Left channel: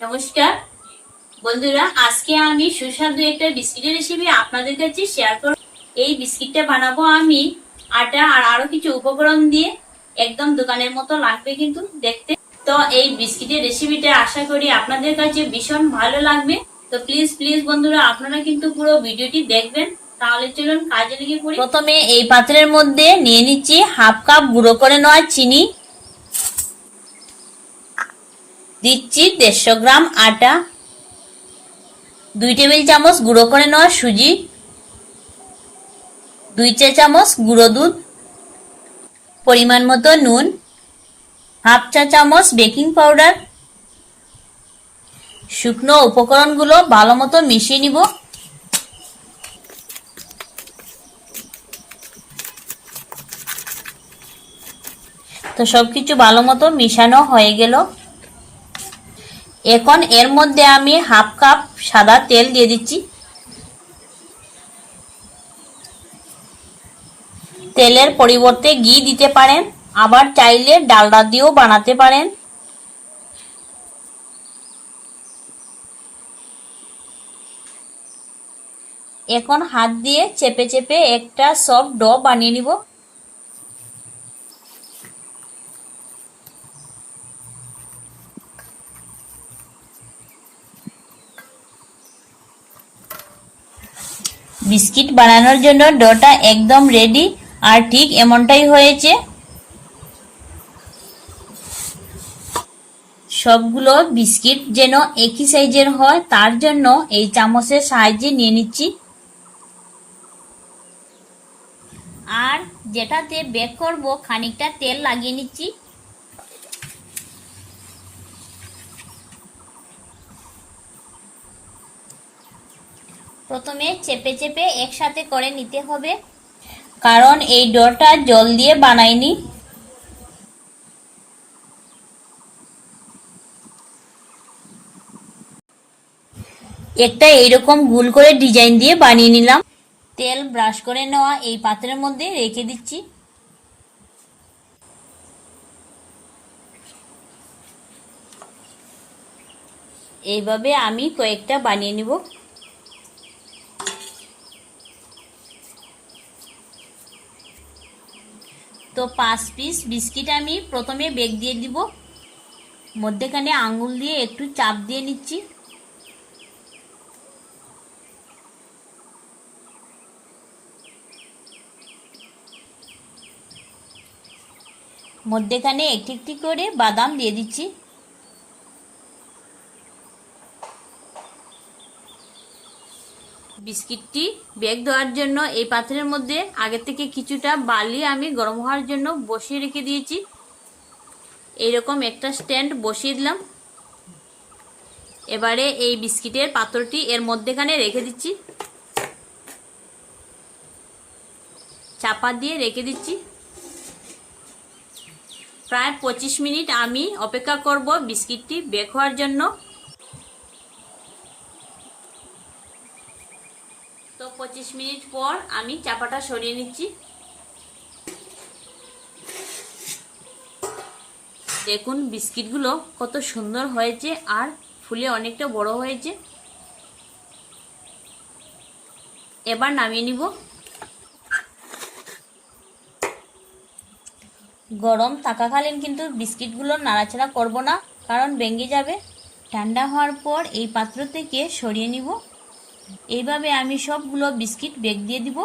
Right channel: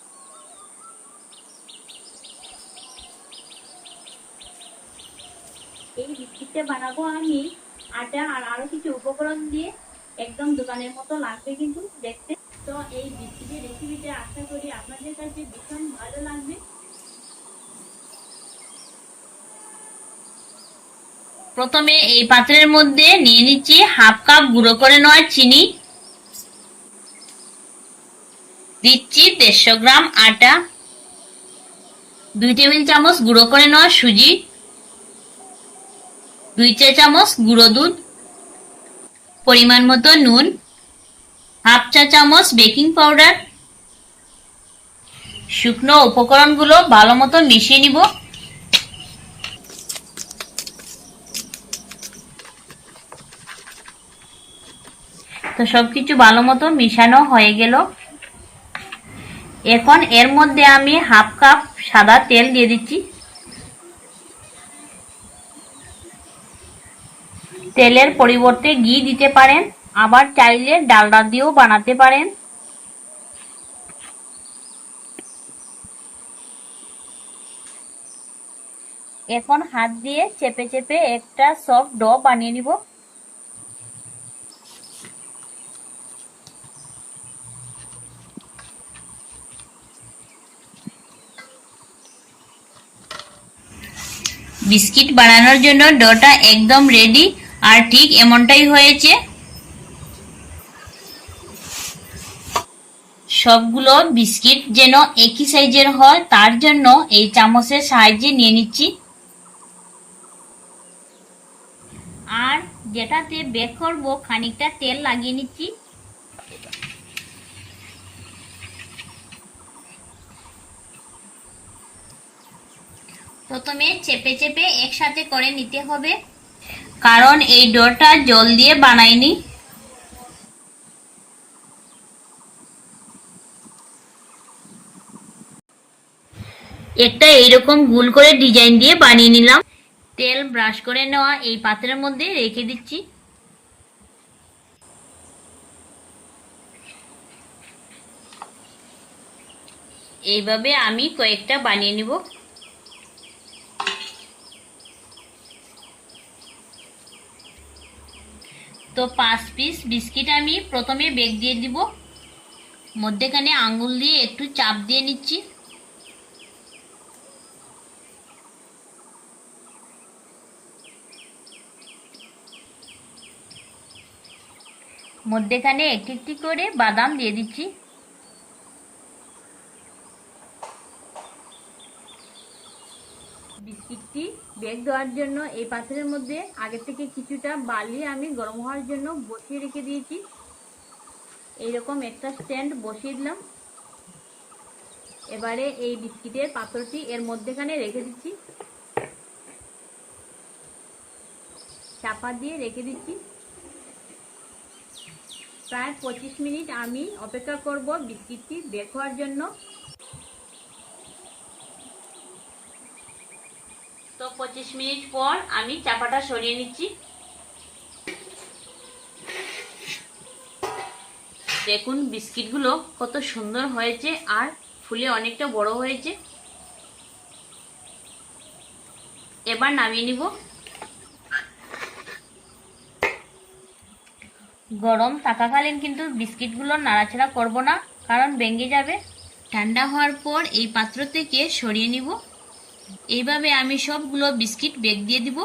নমস্কার। বন্ধুরা, আজকে আমি সুস্বাদু একটা বিস্কিটের রেসিপি আপনাদের কাছে শেয়ার করব এই বিস্কিটটা বানাবো আমি আটা আর আরও কিছু উপকরণ দিয়ে। একদম দোকানের মতো লাগবে কিন্তু দেখতে। তো এই বিস্কিটের রেসিপিটা আশা করি আপনাদের কাছে ভীষণ ভালো লাগবে। তো প্লিজ প্লিজ বন্ধুরা, আপনারা কিন্তু পুরো ভিডিওটি দেখবেন। তাহলে চলুন কাজে লেগে পড়ি। প্রথমে এই পাত্রের মধ্যে নিয়ে নিচ্ছি হাফ কাপ গুঁড়ো করে নেওয়া চিনি। দিচ্ছি দেড়শো গ্রাম আটা, দুই টেবিল চামচ গুঁড়ো করে নেওয়া সুজি, দুই চা চামচ গুঁড়ো দুধ, পরিমাণ মতো নুন, হাফ চা চামচ বেকিং পাউডার। শুকনো উপকরণগুলো ভালো মতো মিশিয়ে নিব। তো সবকিছু ভালো মতো মিশানো হয়ে গেল। এখন এর মধ্যে আমি হাফ কাপ সাদা তেল দিয়ে দিচ্ছি। তেলের পরিবর্তে ঘি দিতে পারেন, আবার চাইলে ডালডা দিয়েও বানাতে পারেন। এখন হাত দিয়ে চেপে চেপে একটা সফট ড বানিয়ে নিব। বিস্কিট বানানোর জন্য ডোটা একদম রেডি আর ঠিক এমনটাই হয়েছে। সবগুলো বিস্কিট যেন একই সাইজের হয়, তার জন্য এই চামচের সাহায্যে নিয়ে নিচ্ছি। আর যেটাতে বেক করব, খানিকটা তেল লাগিয়ে নিচ্ছি। প্রথমে চেপে চেপে একসাথে করে নিতে হবে। কারণ এই ডোটা জল দিয়ে বানাইনি একটা এইরকম গুল করে ডিজাইন দিয়ে বানিয়ে নিলাম। তেল ব্রাশ করে নেওয়া এই পাত্রের মধ্যে রেখে দিচ্ছি। এইভাবে আমি কয়েকটা বানিয়ে নিব। তো পাঁচ পিস বিস্কিট আমি প্রথমে বেগ দিয়ে দিব। মধ্যেখানে আঙুল দিয়ে একটু চাপ দিয়ে নিচ্ছি। মধ্যেখানে একটি একটি করে বাদাম দিয়ে দিচ্ছি। বিস্কিটটি বেগ দেওয়ার জন্য এই পাত্রের মধ্যে আগে থেকে কিছুটা বালি আমি গরম হওয়ার জন্য বসিয়ে রেখে দিয়েছি। এইরকম একটা স্ট্যান্ড বসিয়ে দিলাম। এবারে এই বিস্কিটের পাত্রটি এর মধ্যেখানে রেখে দিচ্ছি। চাপা দিয়ে রেখে দিচ্ছি। প্রায় পঁচিশ মিনিট আমি অপেক্ষা করব বিস্কিটটি বেক হওয়ার জন্য। তো পঁচিশ মিনিট পর আমি চাপাটা সরিয়ে নিচ্ছি। দেখুন বিস্কিটগুলো কত সুন্দর হয়েছে আর ফুলে অনেকটা বড় হয়েছে। এবার নামিয়ে নিব। গরম থাকাকালীন কিন্তু বিস্কিটগুলো নাড়াচাড়া করব না, কারণ ভেঙে যাবে। ঠান্ডা হওয়ার পর এই পাত্র থেকে সরিয়ে নিব। এইভাবে আমি সবগুলো বিস্কিট বেগ দিয়ে দিব।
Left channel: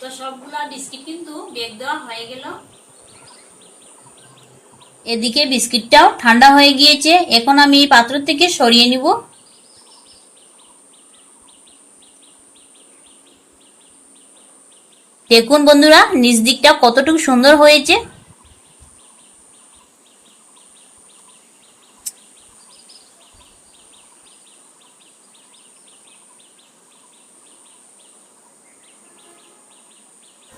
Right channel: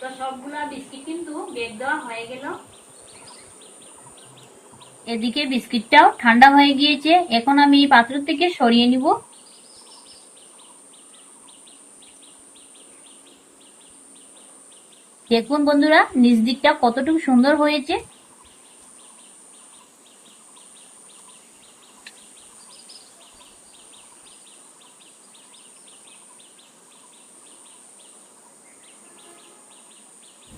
তো সবগুলা বিস্কিট কিন্তু বেগ দেওয়া হয়ে গেল। এদিকে বিস্কিটটাও ঠান্ডা হয়ে গিয়েছে, এখন আমি পাত্র থেকে সরিয়ে নিব। দেখুন বন্ধুরা, নিচ দিকটা কতটুকু সুন্দর হয়েছে।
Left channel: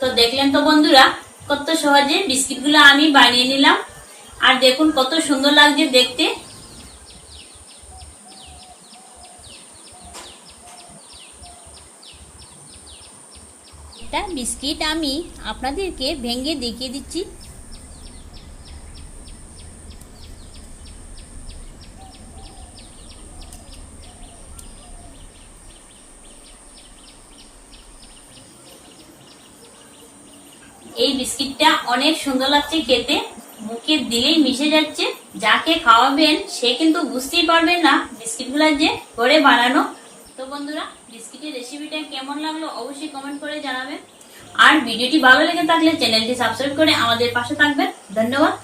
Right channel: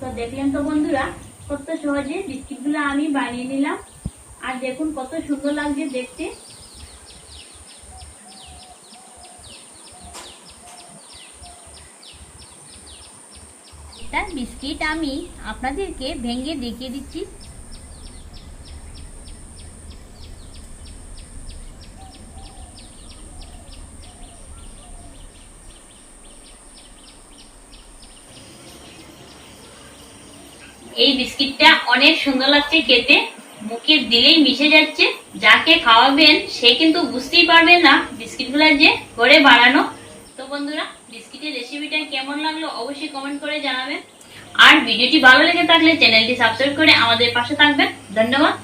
তো দেখলেন তো বন্ধুরা, কত সহজে বিস্কিটগুলো আমি বানিয়ে নিলাম। আর দেখুন কত সুন্দর লাগছে দেখতে। একটা বিস্কিট আমি আপনাদেরকে ভেঙে দেখিয়ে দিচ্ছি। এই বিস্কিটটা অনেক সুন্দর লাগছে খেতে। মুখে দিলেই মিশে যাচ্ছে। যাকে খাওয়াবেন, সে কিন্তু বুঝতেই পারবে না বিস্কিটগুলো যে করে বানানো। তো বন্ধুরা, বিস্কিটের রেসিপিটা কেমন লাগল অবশ্যই কমেন্ট করে জানাবেন। আর ভিডিওটি ভালো লেগে থাকলে চ্যানেলটি সাবস্ক্রাইব করে আমাদের পাশে থাকবেন। ধন্যবাদ।